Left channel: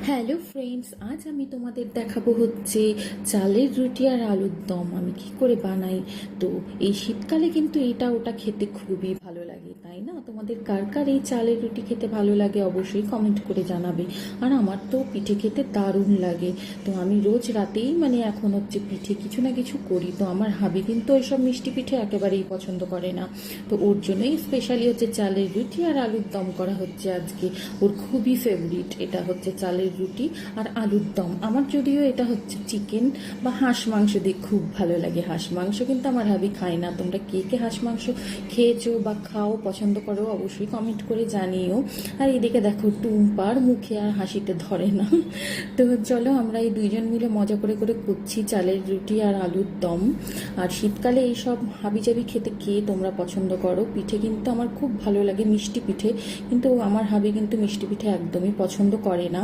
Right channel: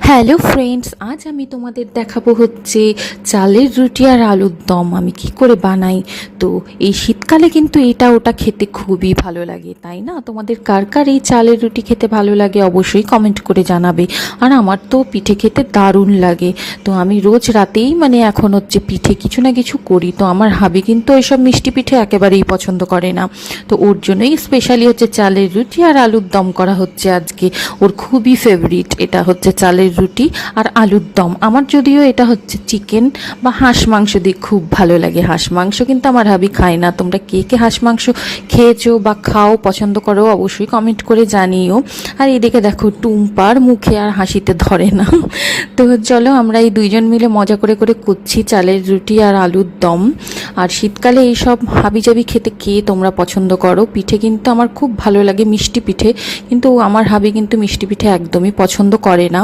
Hello friends, আজ আমি তোমাদের দেখাবো হচ্ছে চালের রুটি আর আলুর দম আমি কি করে বানাই। তো এই শীতকালে কিন্তু এটা ওটা খেতে খুবই ভালো লাগে, তাই না? তোমাদের কার কার এই চালের রুটি খেতে ভালো লাগে অবশ্যই কমেন্ট করে জানাবে। আর আমার তো পিঠে খেতে দারুণ লাগে। তো আমি রোজ রাতেই এখন হচ্ছে পিঠে কিছু না কিছু করি। তো আমার হাবি কিন্তু ওইসব মিষ্টি পিঠে একেবারেই পছন্দ করে না। তো ওর জন্যই স্পেশালি হচ্ছে চালের রুটি আর আলুর দম করা হচ্ছে আজকে। ওর খুবই ফেভারিট এটা হচ্ছে চালের রুটি আর আলুর দম। আমার যদিও এটা হচ্ছে চিকেন বা হাঁস মাংস দিয়ে খুব ভালো লাগে। হাঁস মাংস কিন্তু আমার হাবি খায় না। তোমরা কে কে হাঁস মাংস খেয়েছো বা খাও, পছন্দ করো অবশ্যই কমেন্ট করে জানিও। আর এদিকে দেখো টুম্পার মুখে আর হাসিতে ধরে না। তো চলো আমরা এই দুইজন মিলে মজা করে করে করছি চালের রুটি আর আলুর দম। আর শীতকালে এইসব হাবিজাবি খেতে কে তোমরা পছন্দ করো? পিঠে কিন্তু আমার খুব ভালো লাগে, মিষ্টি পিঠে, কিন্তু আমার হাবি কিন্তু মিষ্টি পিঠে একদমই পছন্দ করে না।